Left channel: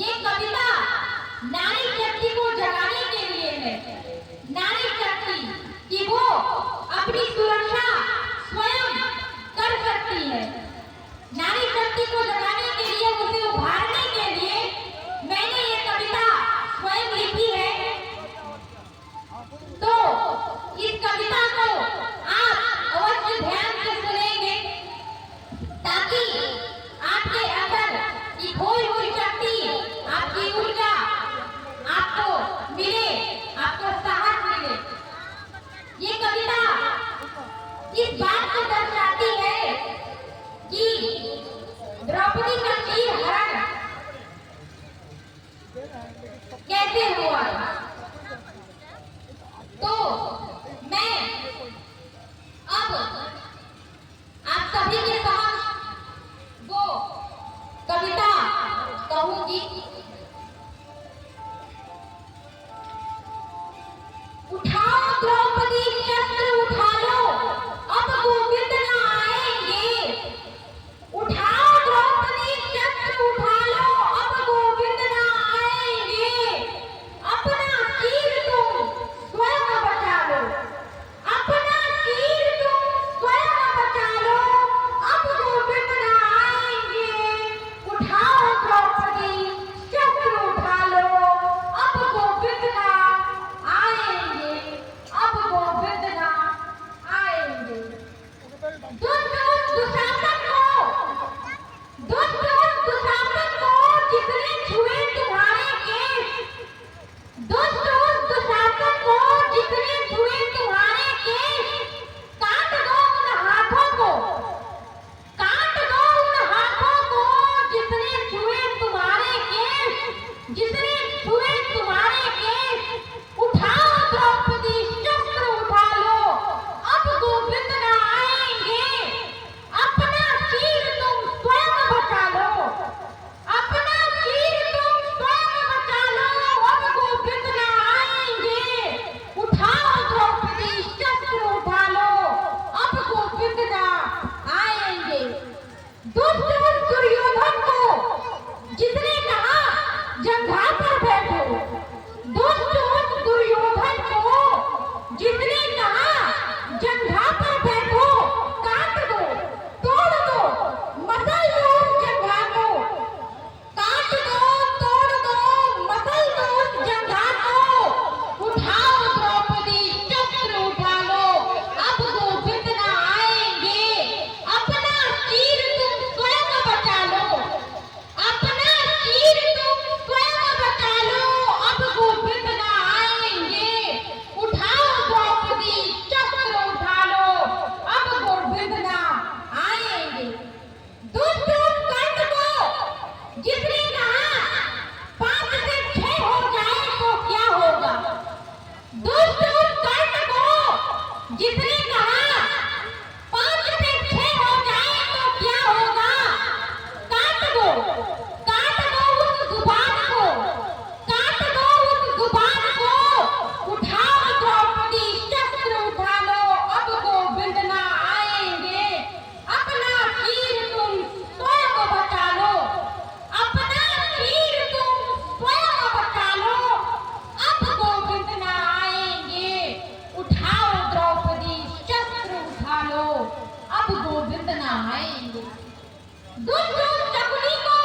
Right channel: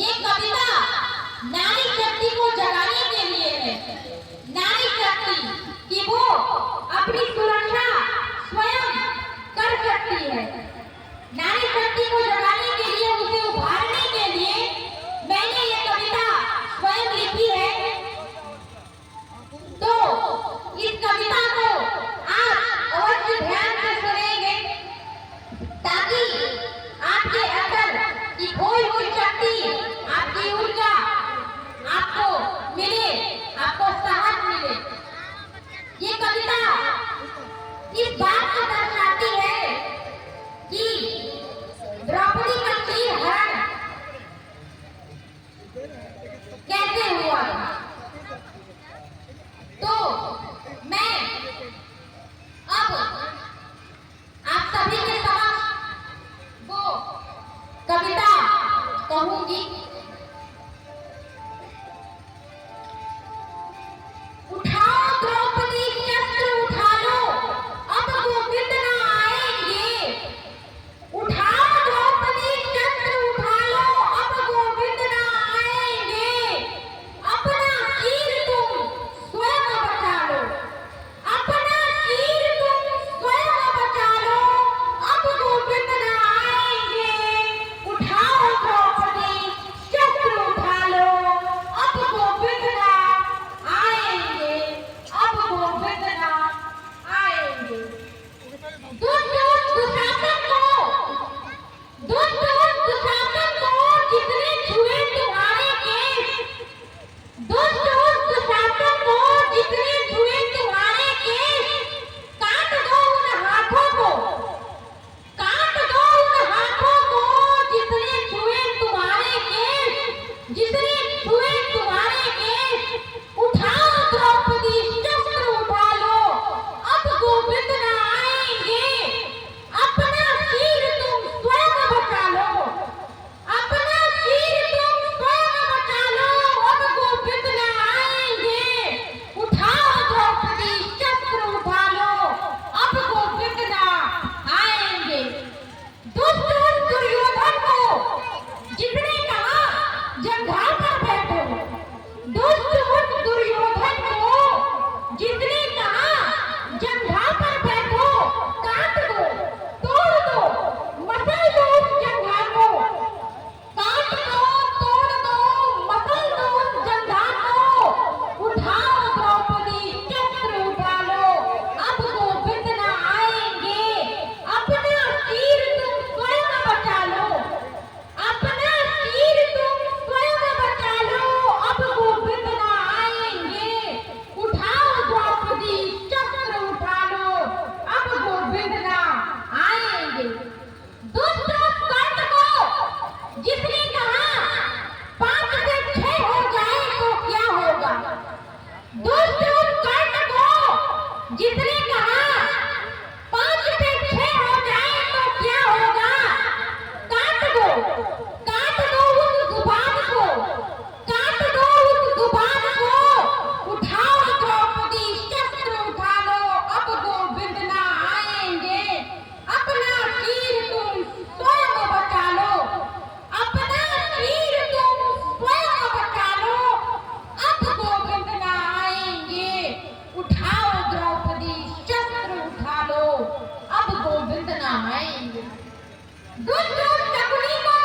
ये कविता नारी शक्ति को जगाने के लिए है। नारी शक्ति कि वो अपनी सुरक्षा स्वयं कर सकती है। नारी शक्ति को जगाने के लिए, उसे उभारने के लिए मैंने ये कविता स्वयं लिखी है। तो इस कविता को आप अवश्य ध्यान से सुनेंगे ताकि आपके अंदर की खोई हुई शक्ति, आपकी ऊर्जा आपको मिले, आपको साहस मिले। ये कविता इस बात को दर्शाती है कि द्रौपदी का चीर हरण कैसे हुआ। तो मैं अब आप सभी के समक्ष वो कविता कहूंगी। उठाओ द्रौपदी शस्त्र उठा लो, अब गोविंद न आएंगे। उठाओ द्रौपदी शस्त्र उठा लो, अब गोविंद न आएंगे। अपना चीर तुम स्वयं बचा लो, अपना चीर तुम स्वयं बचा लो, अब गोविंद न आएंगे। उठाओ द्रौपदी शस्त्र उठा लो, अब गोविंद न आएंगे, अब गोविंद न आएंगे। दुष्ट दुशासन को, दुष्ट दुशासन को जितने छुए तुम्हारे केश, दुष्ट दुशासन को जितने छुए तुम्हारे केश, काट दो उन हाथों को, काट दो उन हाथों को जितने छुए तुम्हारे केश, जितने छुए तुम्हारे केश। उठाओ द्रौपदी शस्त्र उठा लो, अब गोविंद न आएंगे। अपना चीर तुम स्वयं बचा लो, अपना चीर तुम स्वयं बचा लो, अब गोविंद न आएंगे। उठाओ द्रौपदी शस्त्र उठा लो, अब गोविंद न आएंगे। दुष्ट दुर्योधन को जिसने कहा जंघा पर बैठो, दुष्ट दुर्योधन को जिसने कहा जंघा पर बैठो, काट दो, तोड़ दो, मसल दो उस जंघा को, काट दो, तोड़ दो, मसल दो उस जंघा को। उठाओ द्रौपदी शस्त्र उठा लो, अब गोविंद न आएंगे। अपना चीर तुम स्वयं बचा लो, अपना चीर तुम स्वयं बचा लो, अब गोविंद न आएंगे। उठाओ द्रौपदी शस्त्र उठा लो, अब गोविंद न आएंगे। दुष्ट कर्ण को जिसने कहा 5 से 6 हो जाए तो क्या होगा, दुष्ट कर्ण को जिसने कहा 5 से 6 हो जाए तो क्या होगा। काट दो, काट दो उस जुबान को, काट दो उस जुबान को। उठाओ द्रौपदी शस्त्र उठा लो, अब गोविंद न आएंगे। अपना चीर तुम स्वयं बचा लो, अपना चीर तुम स्वयं बचा लो, अब गोविंद न आएंगे। उठाओ द्रौपदी शस्त्र उठा लो, अब गोविंद न आएंगे। दुष्ट शकुनी को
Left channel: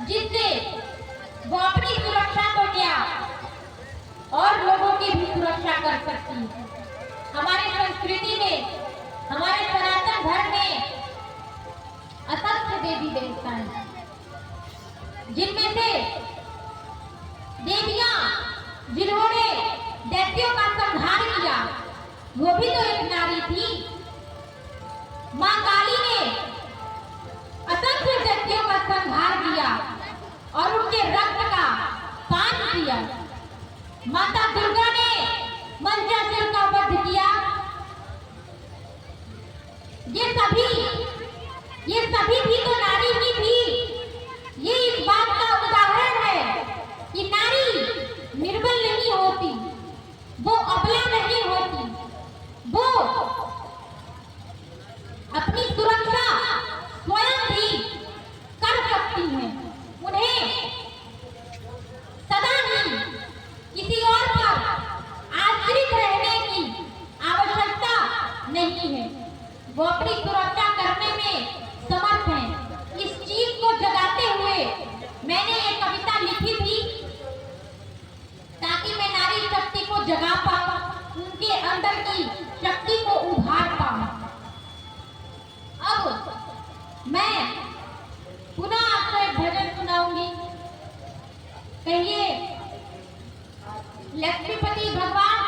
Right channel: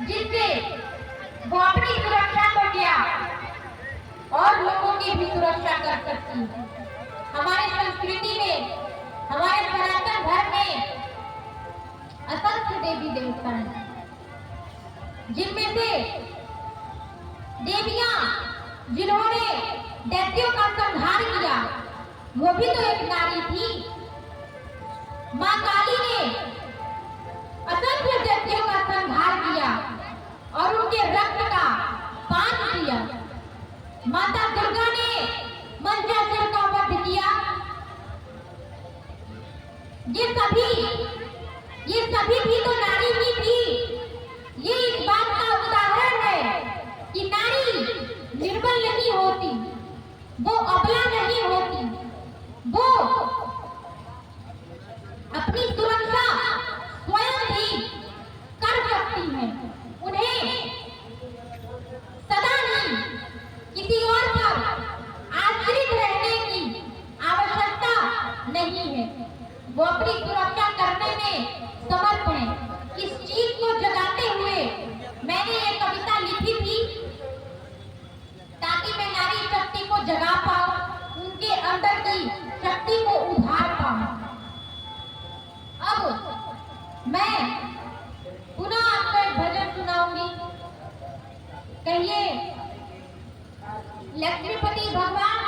जिससे वो अपनी सुरक्षा तो क्या और लोगों की भी सुरक्षा कर सकती है। हमारी संस्कृति में, हमारे सनातन धर्म में असंख्य देवी देवता हैं, जिनमें से देवियां जिन्होंने दैत्यों का संहार किया वो भी तो एक नारी थी। मां काली ने असंख्य दैत्यों का संहार किया और उनके रक्त का पान किया। माता दुर्गा ने मंचासुर का वध किया। ये सभी भी तो नारी ही थी। ये इस बात का उदाहरण है कि नारी निर्बल नहीं होती, वो अबला नहीं होती, वो अपनी सुरक्षा स्वयं भी कर सकती है। उन्हें सदा ही किसी और पर आश्रित रहने की आवश्यकता नहीं है। वो अपनी सुरक्षा करने में समर्थ हैं। इस चीज को जगाते हुए मैंने ये कविता लिखी थी ताकि मैं नारी शक्ति को जगा पाऊं, उनके अंदर की शक्ति को उभार पाऊं। अब मैं पुनः आपको एक भजन सुनाऊंगी। कहिए लक्ष्मीपति भगवान